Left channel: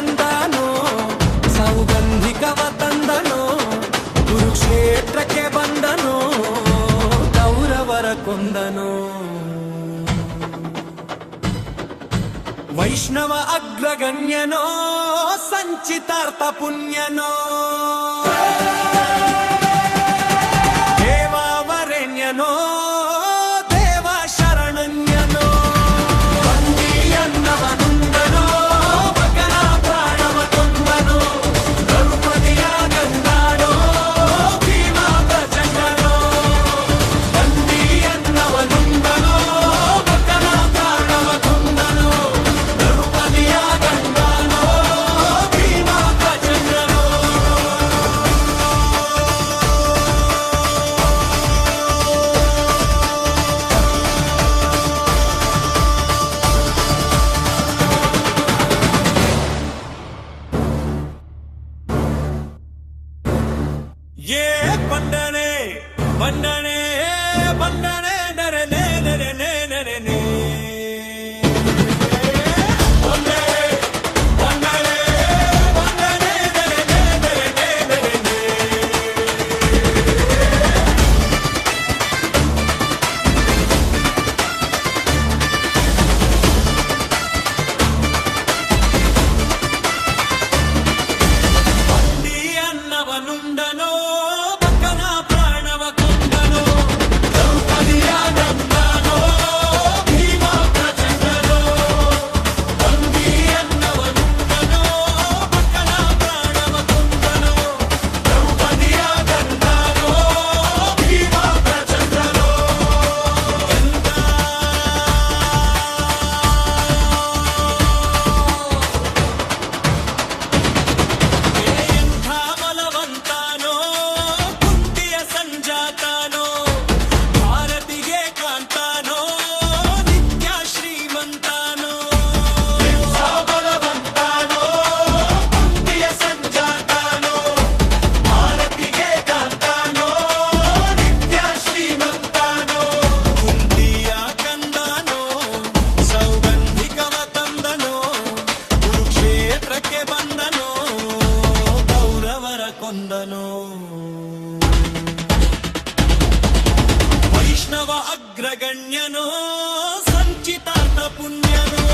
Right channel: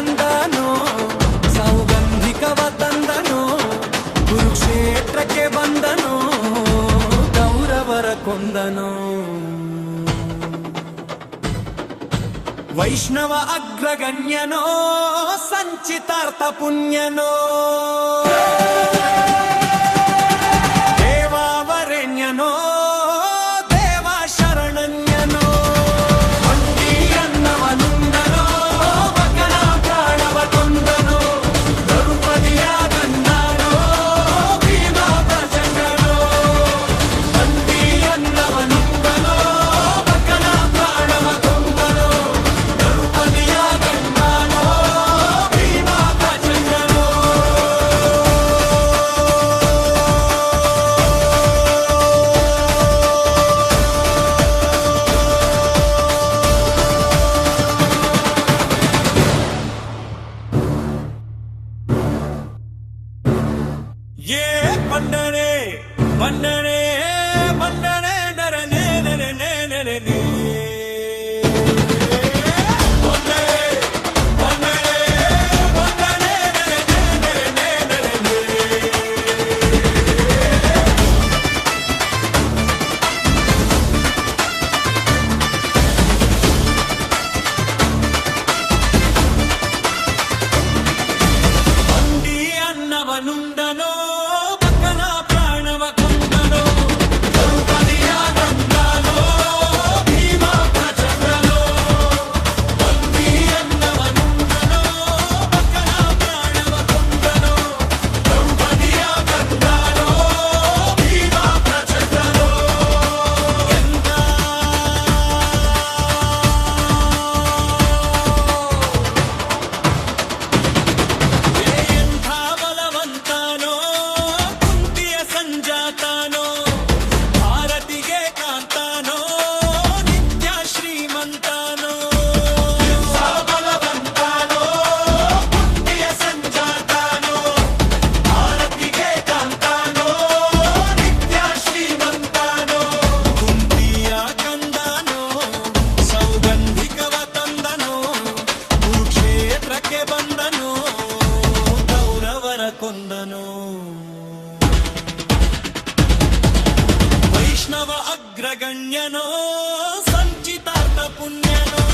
ಕಂದನೋ ಸೌಗಂಧಿಕವ ತಂದನೋ ಕುರುಕ್ಷೇತ್ರಕ್ಕೆ ಬಂದನೋ ಕೌರವರ ಕೊಂದನೋ ವೈಷ್ಣವ ಅಗ್ರಗಣ್ಯನೋ ಸಂಚಿತಾರ್ಥ ಪುಣ್ಯನೋ ದೇವಾವರೆಣ್ಯನೋ ದೇವ ಶರಣನ್ಯನೋ ಬಂಡಿ ಅನ್ನವನುಂದನೋ ಮಗನ ಪ್ರಾಣವ ಕೊಂದನೋ ದ್ರೌಪದಿಯ ಗಂಧನೋ ಭೀಮ ಪ್ರಚಂಡನೋ ಬಂಡಿ ಅನ್ನವನುಂದನೋ ಮಗನ ಪ್ರಾಣವ ಕೊಂದನೋ ದ್ರೌಪದಿಯ ಗಂಧನೋ ಭೀಮ ಪ್ರಚಂಡನೋ ये बंडने बंडने बंडने नरने नरने नरने बंडने बंडने बंडने नरने नरने नरने ಬಂಡಿ ಅನ್ನವನುಂಡನೋ ಬಕನ ಪ್ರಾಣವ ಕೊಂದನೋ ದ್ರೌಪದಿಯ ಗಂಧನೋ ಭೀಮ ಪ್ರಚಂಡನೋ ಬಂಡಿ ಅನ್ನವನುಂಡನೋ ಬಕನ ಪ್ರಾಣವ ಕೊಂದನೋ ದ್ರೌಪದಿಯ ಗಂಧನೋ ಭೀಮ ಪ್ರಚಂಡನೋ ಎಂತ ಎಂಥ ಬಲವಂತನೋ ಕುಂತಿಯ ಸಂಜಾತನೋ ಭಾರತಿಗೆ ಕಾಂತನೋ ನಿತ್ಯ ಶ್ರೀಮಂತನೋ ಬಲವಂತನೋ ಕುಂತಿಯ ಸಂಜಾತನೋ ಭಾರತಿಗೆ ಕಾಂತನೋ ನಿತ್ಯ ಶ್ರೀಮಂತನೋ ಕುಂತಿಯ ಕಂದನೋ ಸೌಗಂಧಿಕವ ತಂದನೋ ಕುರುಕ್ಷೇತ್ರಕ್ಕೆ ಬಂದನೋ ಕೌರವರ ಕೊಂದನೋ ವೈಷ್ಣವ ಅಗ್ರಗಣ್ಯನೋ ಸಂಚಿತಾರ್ಥ ಪುಣ್ಯನೋ